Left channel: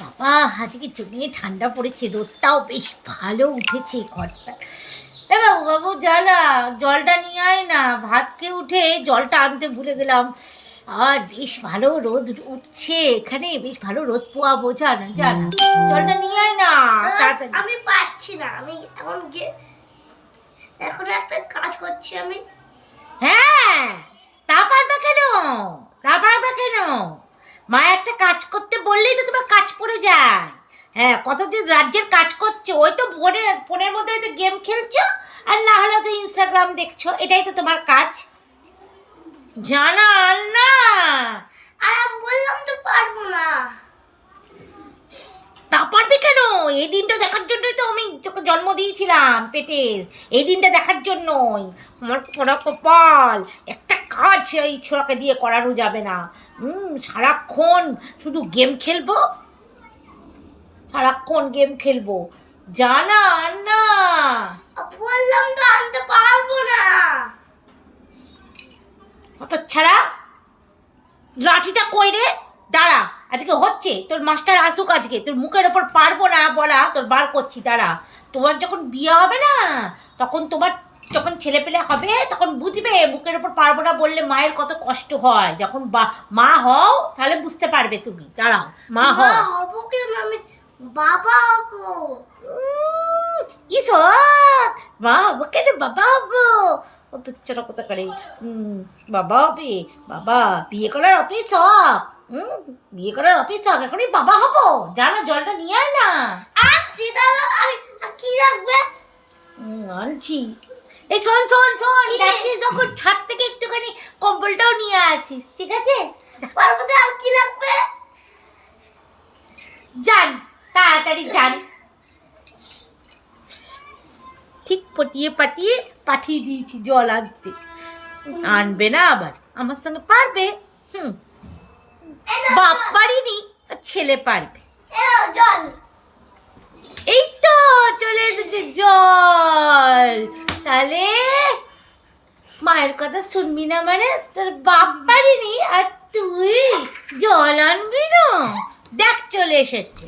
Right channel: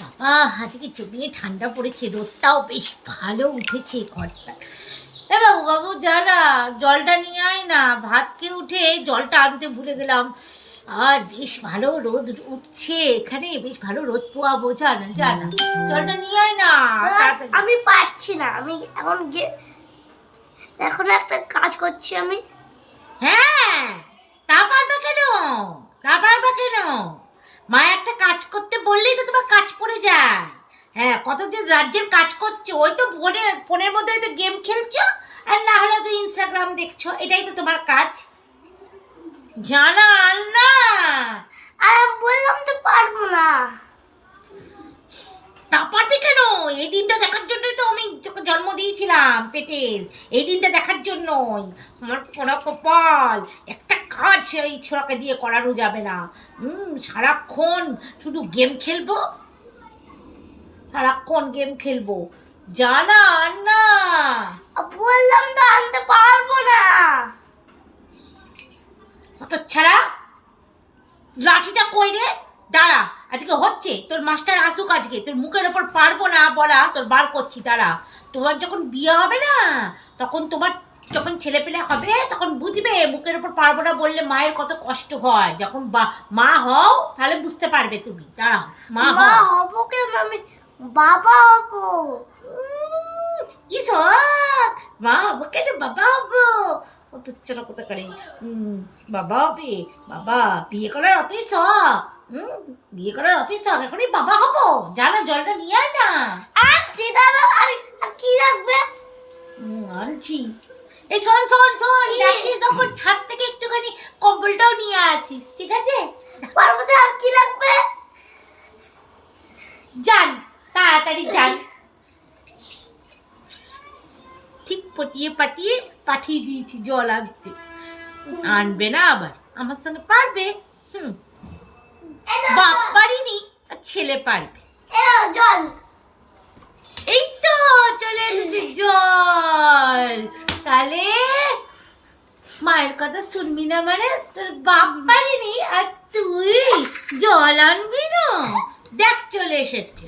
বাবা আজকে জমিয়ে ঠান্ডা পড়েছে রোদটাও বেশ ভালো উঠেছে ঘরটা। বাবু বাবু যা জলটা নিয়ে আয় না ভাত খেয়ে উঠে জলটা আনতে ভুলে গেলাম। আর বেশ ভালো রোদ উঠছে এখানে বেশ ভালো রোদ পোয়াবো যা না যা না জলটা নিয়ে আয় না আমি পারছি না আমি এখন গিয়ে এখন একটা কাজ করছি আমি। হ্যাঁ তা পারবে কেন? তা পারবে কেন? মা একটা কাজ করতে বললেই তো তোমার কাজ পড়ে যায়। হ্যাঁ কতদিন রাজ্যের কাজ করছ? ওই তো ফোনে ফোনের মধ্যে হয়তো গেম খেলছো আর না হলে তো ইনস্টাগ্রাম দেখছ। এটাই তো তোমার কাজ। জানান না। আর বললাম তো পারব না। তা পারবে কেন? এই দিনটা দেখার জন্যই তো জন্ম দিয়েছিলাম পেটের। এই দিনটা দেখার জন্যই। আমার পোড়া কপাল। একটা কাজ এই ছোড়াকে দিয়ে করারও যাবে না। হুম সারাক্ষণ শুধু গেম খেলব? সারাক্ষণ গেম খেলব। জানা না বললাম তো আনতে পারব না। অত ছাড়া লাঠিটা কই রে? দাঁড়া। আজকে হচ্ছে তোর মাস্টার আসুক আজকে তোর মুখের ওপর পারব না বলা তোর বার করছি তারা তোমার যখন বিয়ে হবে না তখন তোমার যখন ছেলে পেলে হবে তখন বুঝবে মুখের ওপর পারব না বললে মায়ের কত কষ্ট হয়। যখন মা হও তাহলে বুঝতে পারবে তুমি। দাঁড়াও মা হও। হব কেন আমি? বাবা হব। কি মা হব কেন? বাবা হব। অত ছোট কথা করে। বাবা হবে বাবা বিয়ে করার অতই শখ। হুম বিয়ে করার অতই শখ এখনই বাবা হব। জানা জলটা নিয়ে আয় না। আনছি দাদা আর কি লাগবে? হুম, আনছি। এই শোন শোন শোন? যাচ্ছিস তখন ছাদ থেকে একটুখানি কম্বলটাও নিয়ে আসিস ঠিক আছে? পারব আর কি লাগবে? যান তাড়াতাড়ি যান। ঠিক পটিয়ে পাটিয়ে পাঠিয়ে দিয়েছি জল আনতে। আনবে না আবার আমার সঙ্গে পারবে। হুম। বাপ পারিনি ছেলে পারবে। জল। এই তো চলে এসেছে জল। তাহলে মায়ের কথা শুনবি না মানে তোর বাপ পারিনি আর তুই জল আনবি না? দেখ চলে এসেছে।